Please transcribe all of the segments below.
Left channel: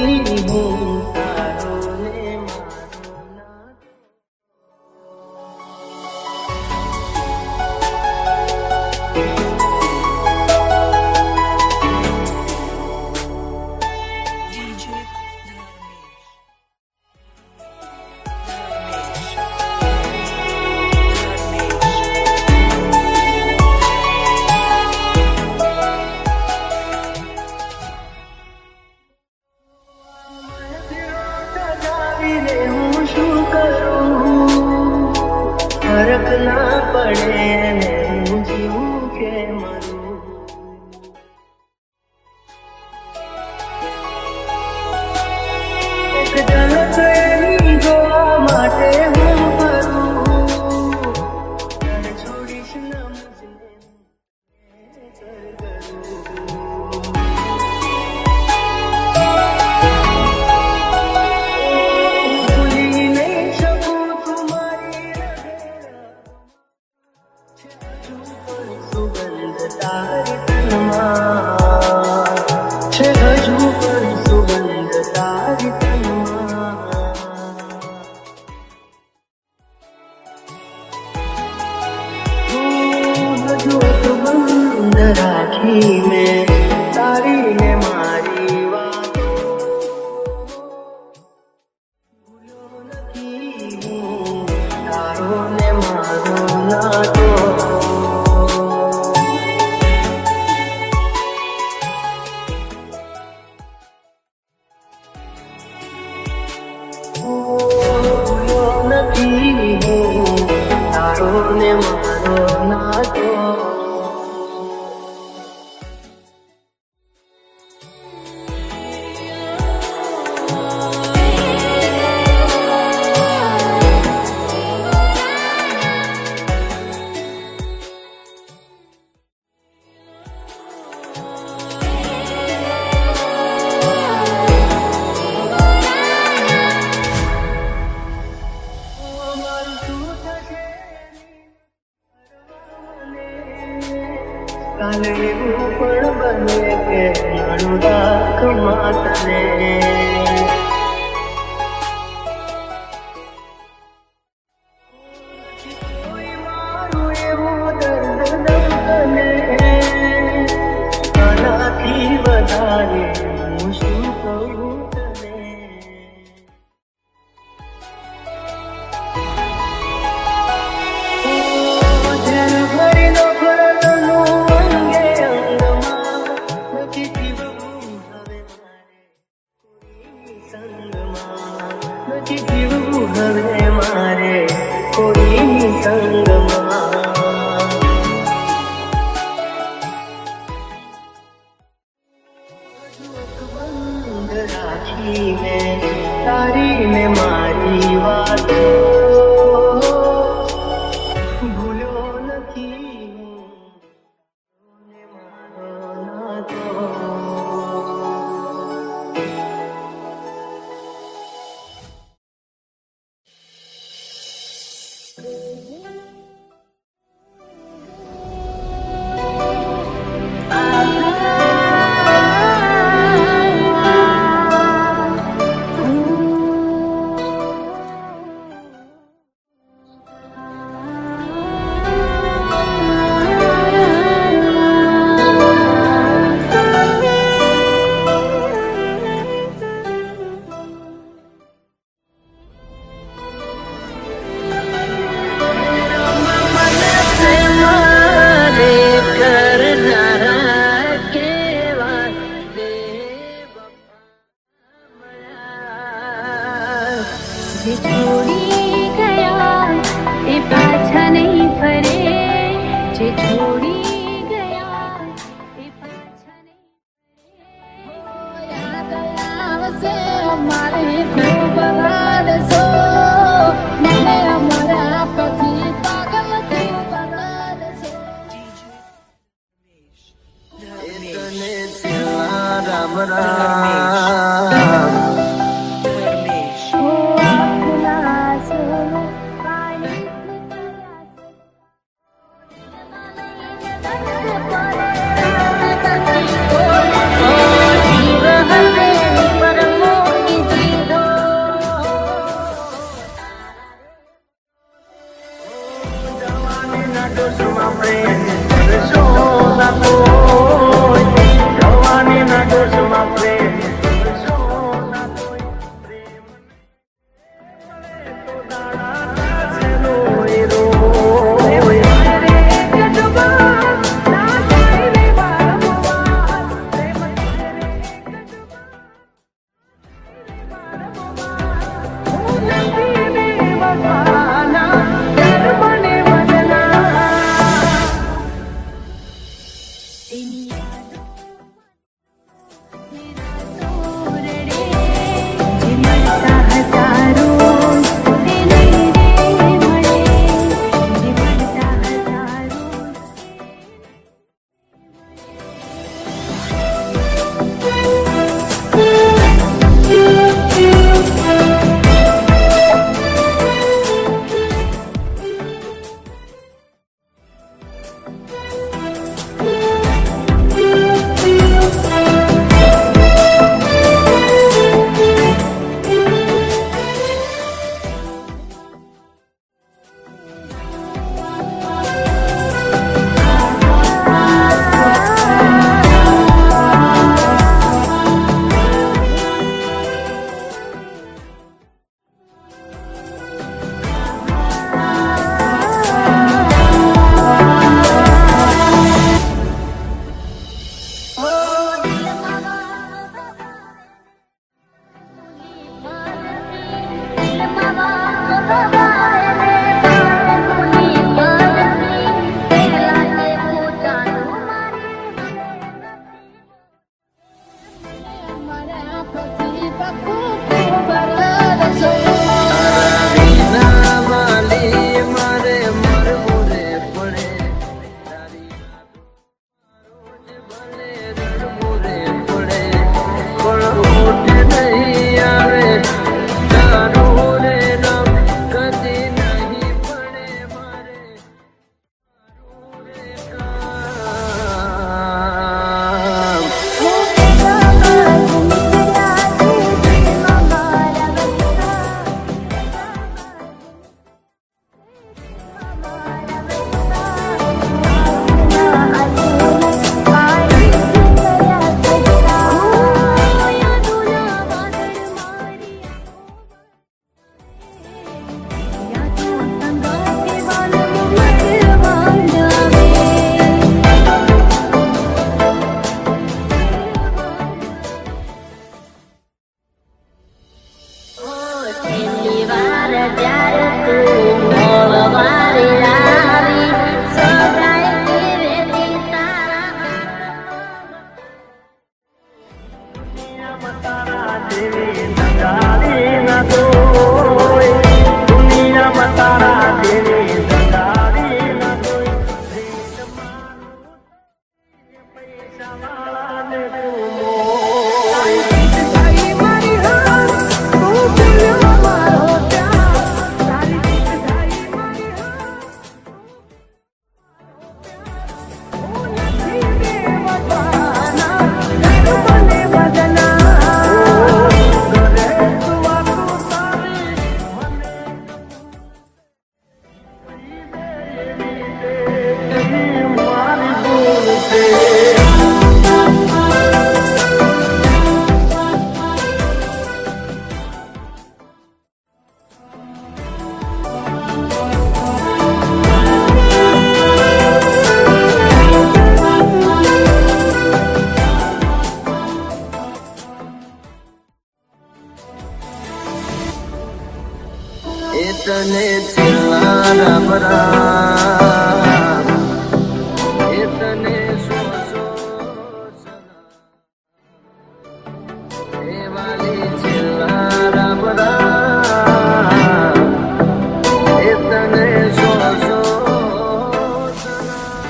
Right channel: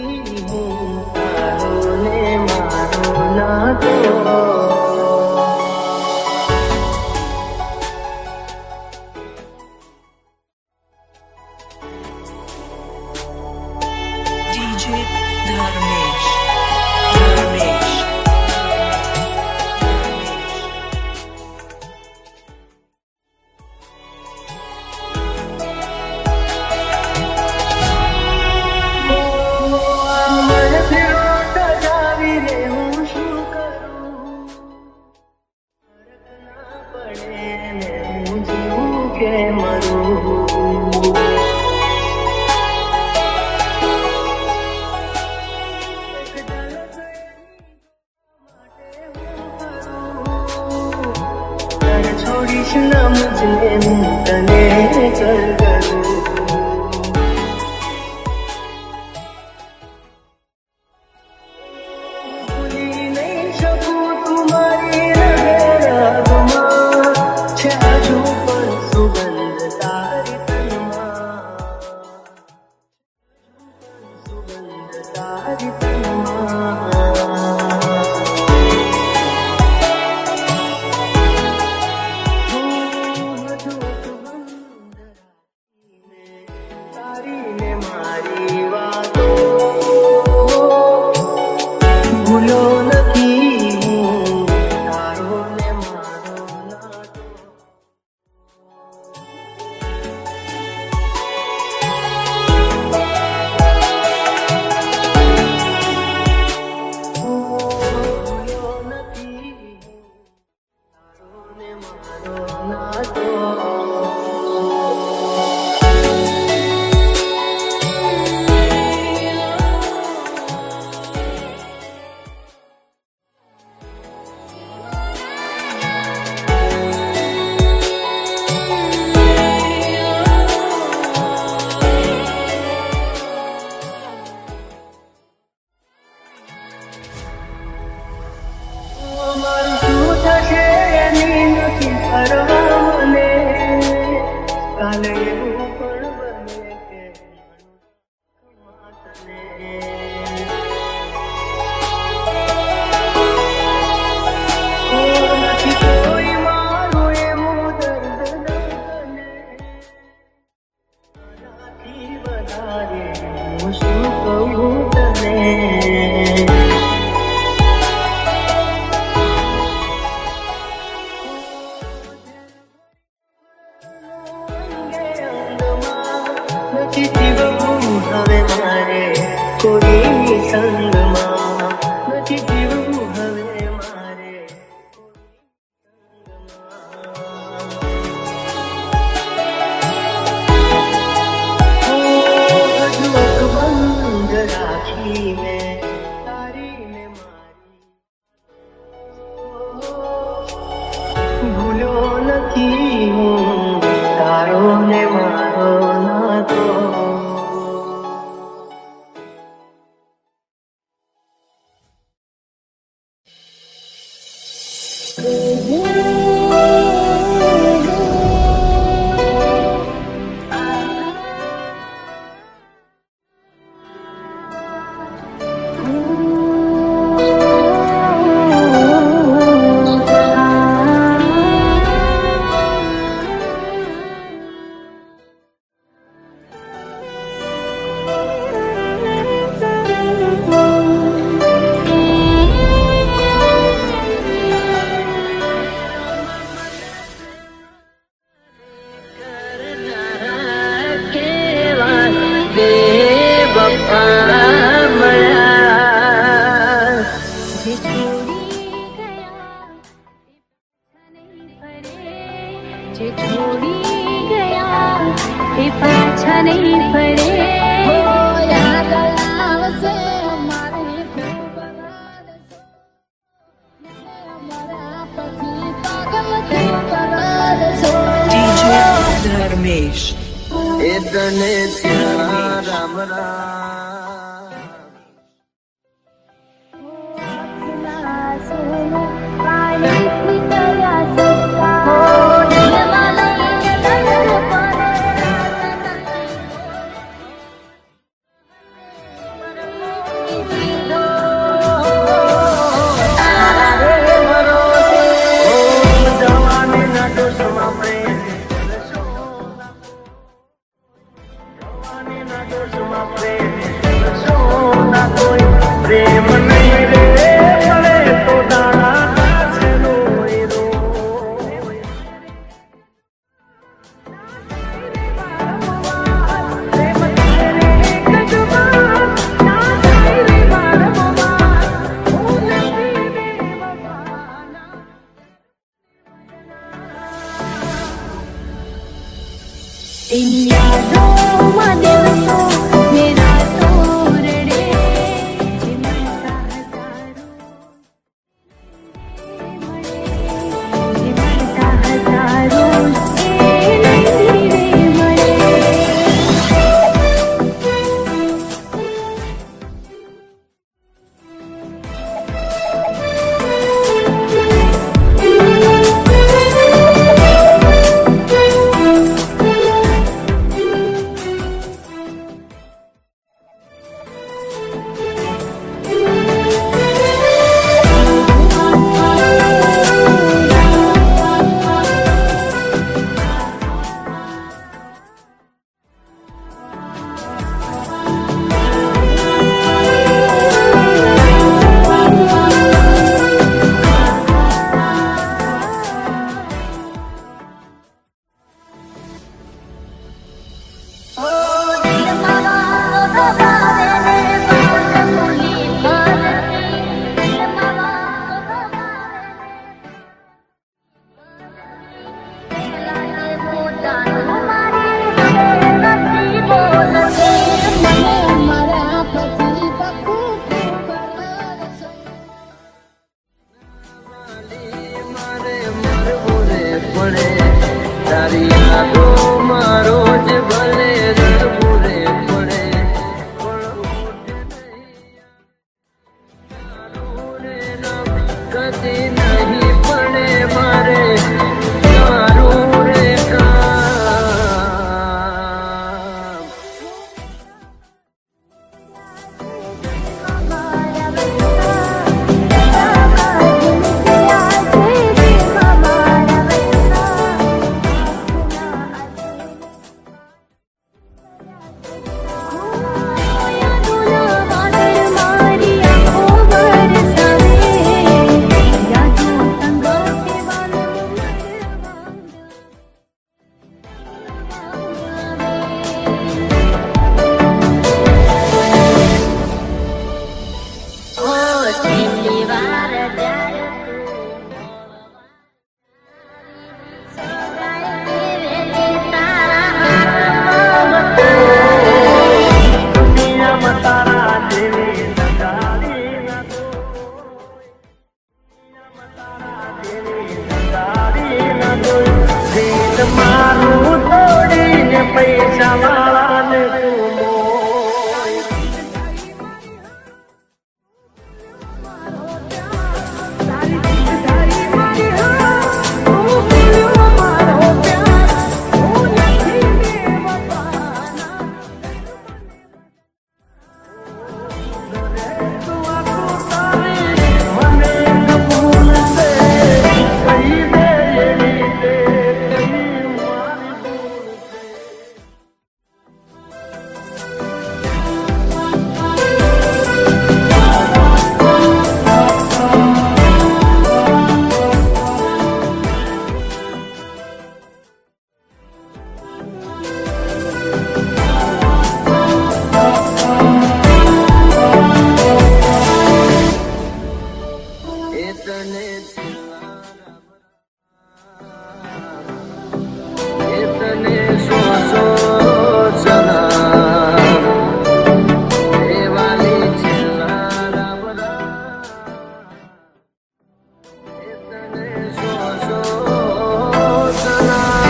નથી હું તારો ને મારો નાતો. DJ Dharmesh. હું શું કરું ફરક ના પડે ને હું જીવું કે મરું. એક ઝલક એની જોવા માટે હું ફરું. ઘર છોડીશ ના મુજને હું તને કર કરું. રાખી મેં તારી ને મારી વાતો ભૂલો નથી હું તારો ને મારો નાતો. ભૂલો નથી હું તારો ને મારો નાતો. કાલે એવું પણ બને કે મારું રાખ માતને. નથી કોઈ મારું એવું દર્દ દઉં તને. આનાથી વધારે હું શું કહું તને. નથી જીવવું હવે મારે કોઈની સંગમાં. બંધ રાખી મેં તારી ને મારી વાતો ભૂલો નથી હું તારો ને મારો નાતો. તને ત્યાં રામ રામ. પરમો પ્રેમ કરશો ના કોઈ, જવાનીના જોશમાં પ્રેમ કરશો ના કોઈ, પ્રેમ નહીં રે મળે તો દાણા કાશે રોય રોય. तेरी यादों में दिवसों मेरा तो रड़े जिमड़ता हजारों तेरे रे मड़े, जिमड़ता हजारों तेरे रे मड़े. તને છેલ્લા રામ એ તને સો સો સલામ એ વાલી છેલ્લા રામ એ તને સો સો સલામ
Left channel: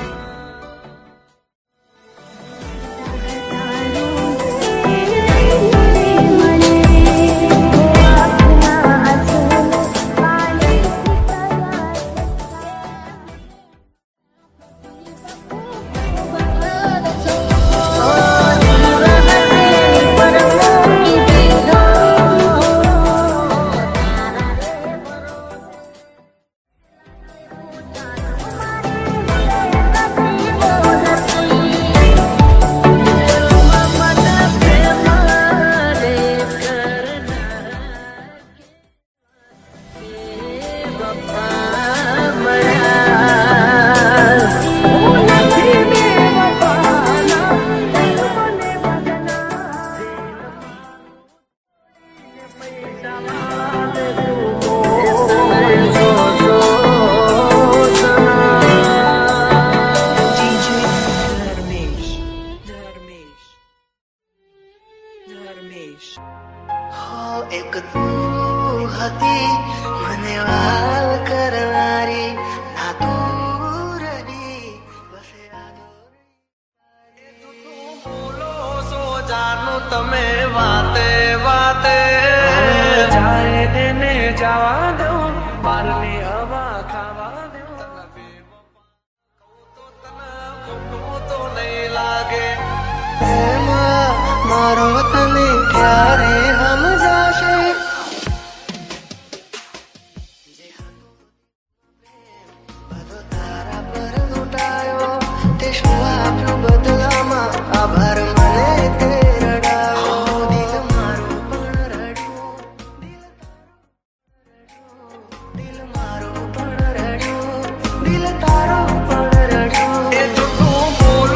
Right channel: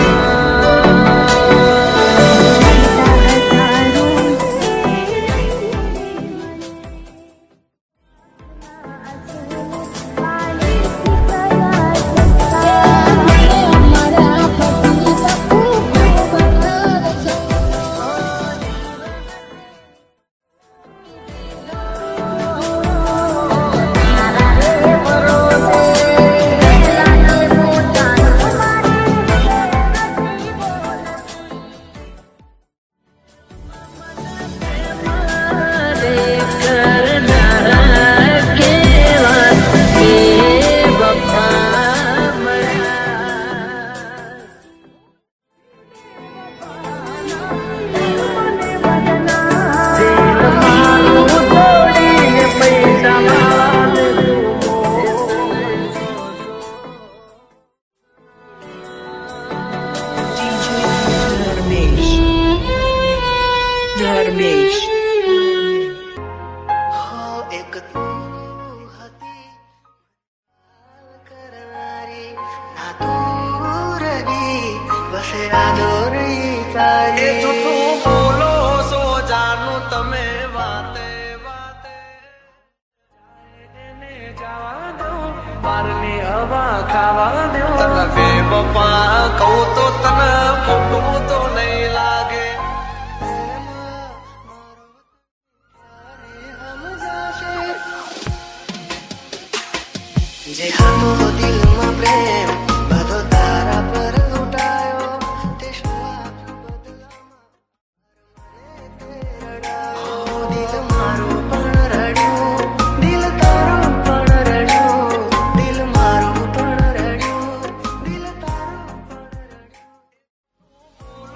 તું હતી મને વાલ કરનારી ના તું રહી બસે આદોરી તારી જૂઠું બોલો સો જાનું તમે વાતે વાતે જાય એને જવા દો બારની હવા ખાવા દો તને બે બપા કહું તો તને ખોટું તો નહીં લાગે એમાં મારો તને ક્યારે સમજાશે જે હતો દિલમાં પ્રેમ બધો તારા પર લૂંટાયો તે શું આપ્યું બદલામાં આભાર મને તે રડાયો દિલ મારું પણ રડ્યું દિલ તારું પણ રડ્યું દિલ મારું પણ રડ્યું દિલ તારું પણ રડ્યું એ જૂઠું બોલો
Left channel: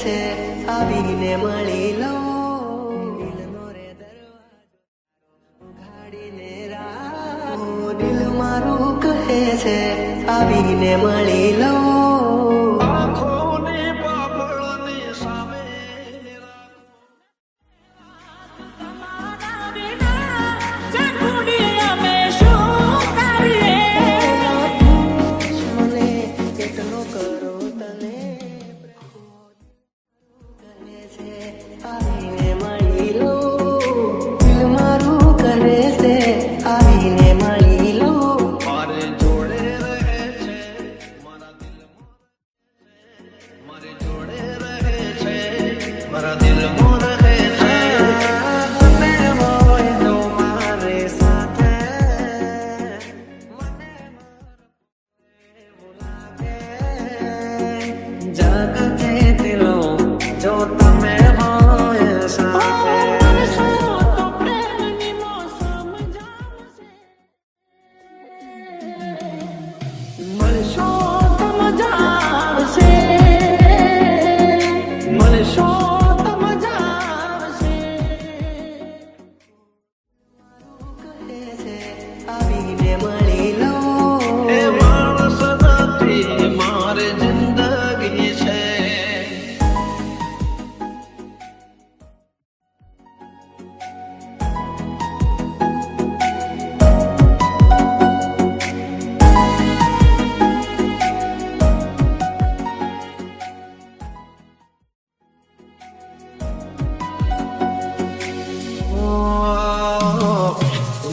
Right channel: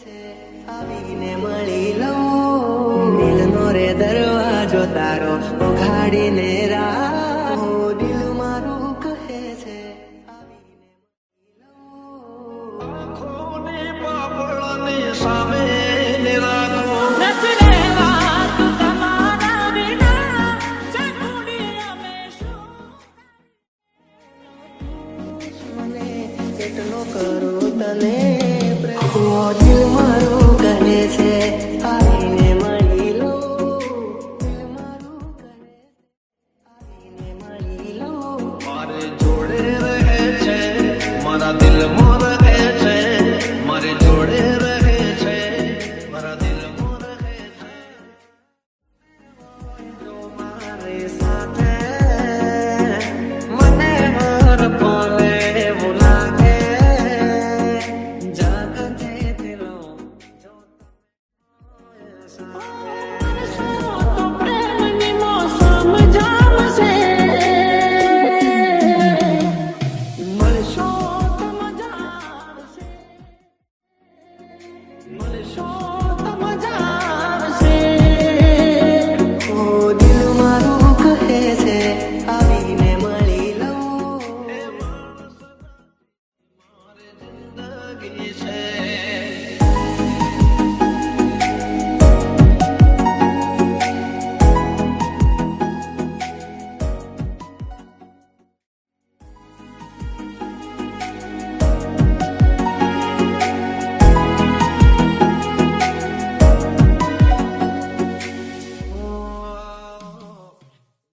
છે આવીને મળી લઉં દિલનો રે દરવાજો તારો ઉઘાડીને રાખ દિલ મારું કહે છે આવીને મળી લઉં આંખોની પાપડની સામે નિરાતો મને કેટલો કરું તને પ્રેમ દિલ મારું કહે છે આવીને મળી લઉં દિલ મારું કહે છે આવીને મળી લઉં મારે જોડે રહે છે મારા દિલમાં રહે છે મારે જોડે રહે છે મારા દિલમાં રહે છે તમે હોય તો મારી સાથે મને હર પલે એવું લાગે જગતે દિલો જો તમે હોય સાથે મળશો તો મજા આવશે મળશો તો મજા આવશે ઓ દિલ મારું કહે છે આવીને મળી લઉં એ માણસ નથી મારી જિંદગી છે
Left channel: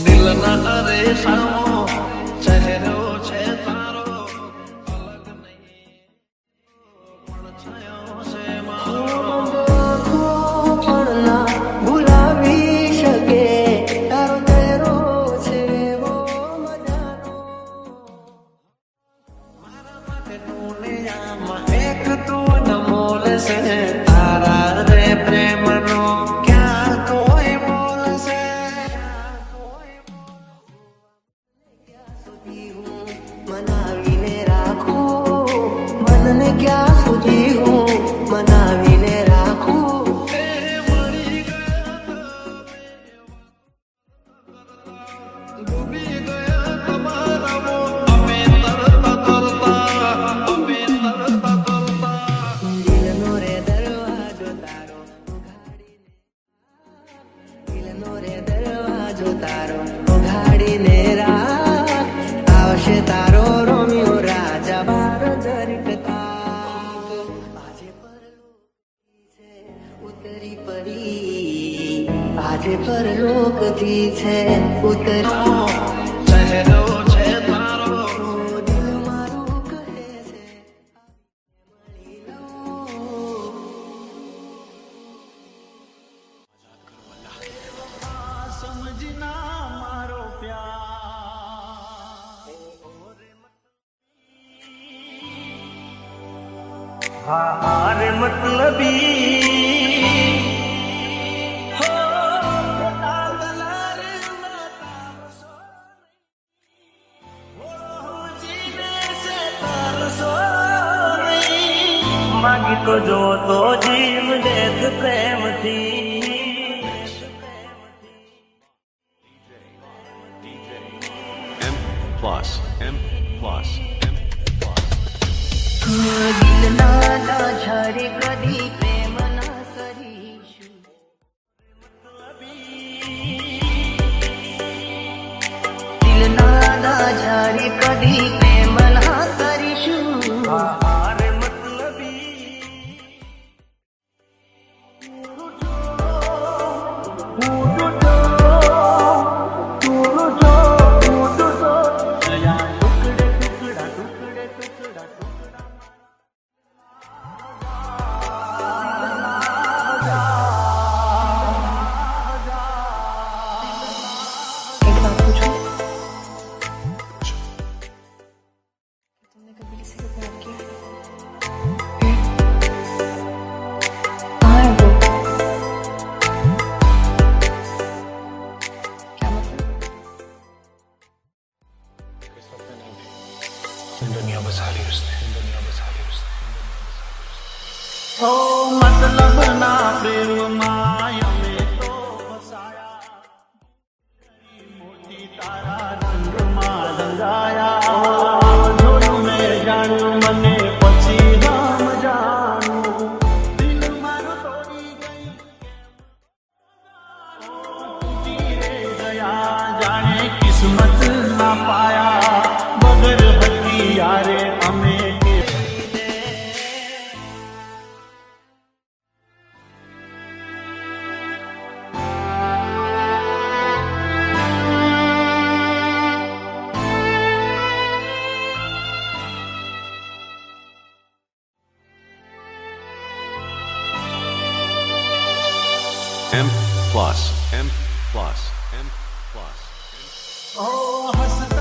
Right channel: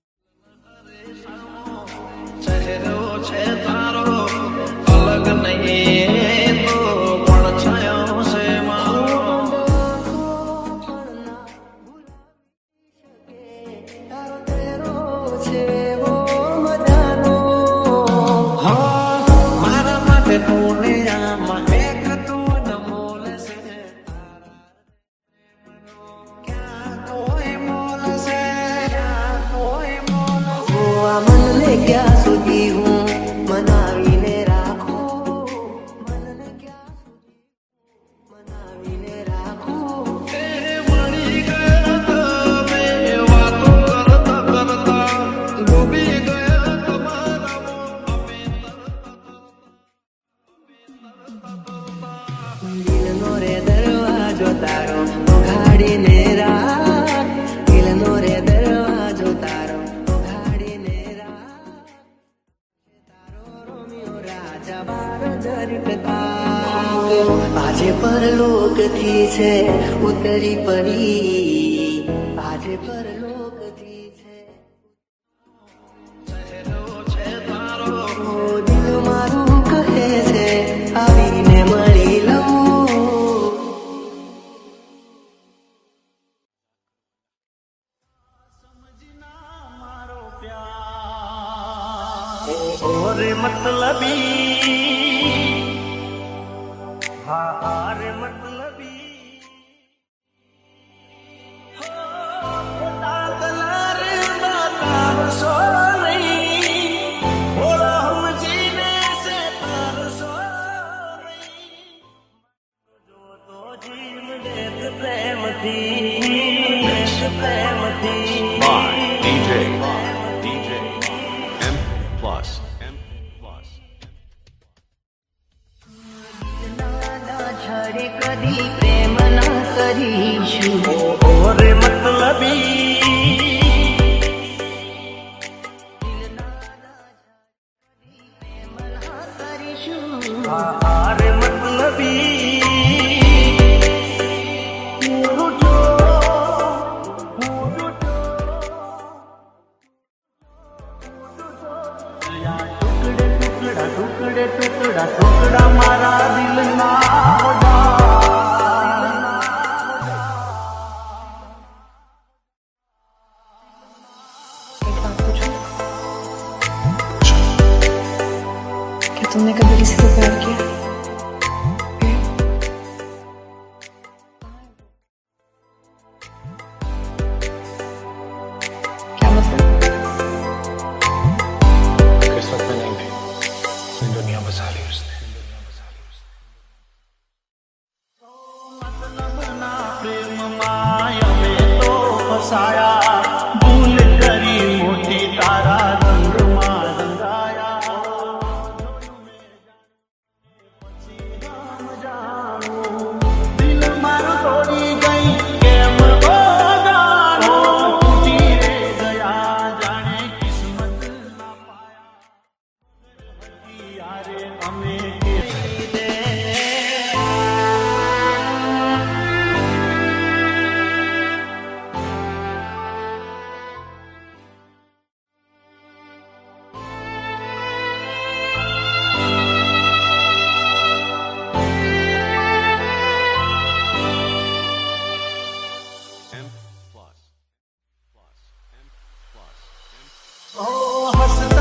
દિલના રેસામો ચહેરો છે તારો અલગ નહીં તો પણ છાયો છે મારો આંખો પણ ના ભૂલાવી શકે તારો ચહેરો છે ઓ મજાનો મારા માટે દુનિયામાં એક તું અનમોલ છે તારા રે પ્રેમનો ક્યાં કોઈ મોલ છે ક્યાં કોઈ મોલ છે ઓ આ મનને ક્યાં સુધી હું મનાવીને રાખું મનને ક્યાં સુધી હું મનાવીને રાખું એ મળી ગયા તમે વાતો કરતા કરતા ડૂબી ગયા તમારા અમે તરતા દિલનો રે દરવાજો તારો ઉઘાડીને રાખ દિલનો રે દરવાજો તારો ઉઘાડીને રાખ આવશે તારો રોમિયો રાજા બાર જરીકતા આજે પરલોકથી છે ઉતરી પડી આજે પરલોકથી છે ઉતરી ચહેરો છે તારો ઓ દિલ મારું કહે છે આવીને મળી લઉં સમજના મારો પ્યાર ઓરે મતલબી હા રે મતલબી હો દાદલા રે બતાવશો નહીં ઓળો સમજીને છે તારશો નહીં માગી તો જો તો જીવ દેત પ્રેમથી પ્રેમથી DJ M plus M plus M plus. દિલના ના છાડે કદી પ્રેમ ના કરીશું ઓરે મતલબી દિલના ના છાડે કદી પ્રેમ ના કરીશું આરે મતલબી ટુકડા મારા દિલના एक बात पूछूं? क्या तुमने कभी किसी से प्यार किया? फिर? कहाँ है वो? क्या मतलब? किस्मत में नहीं थी दुनिया बसा ली उसने ઓ M plus M plus M plus M. ओ हंसते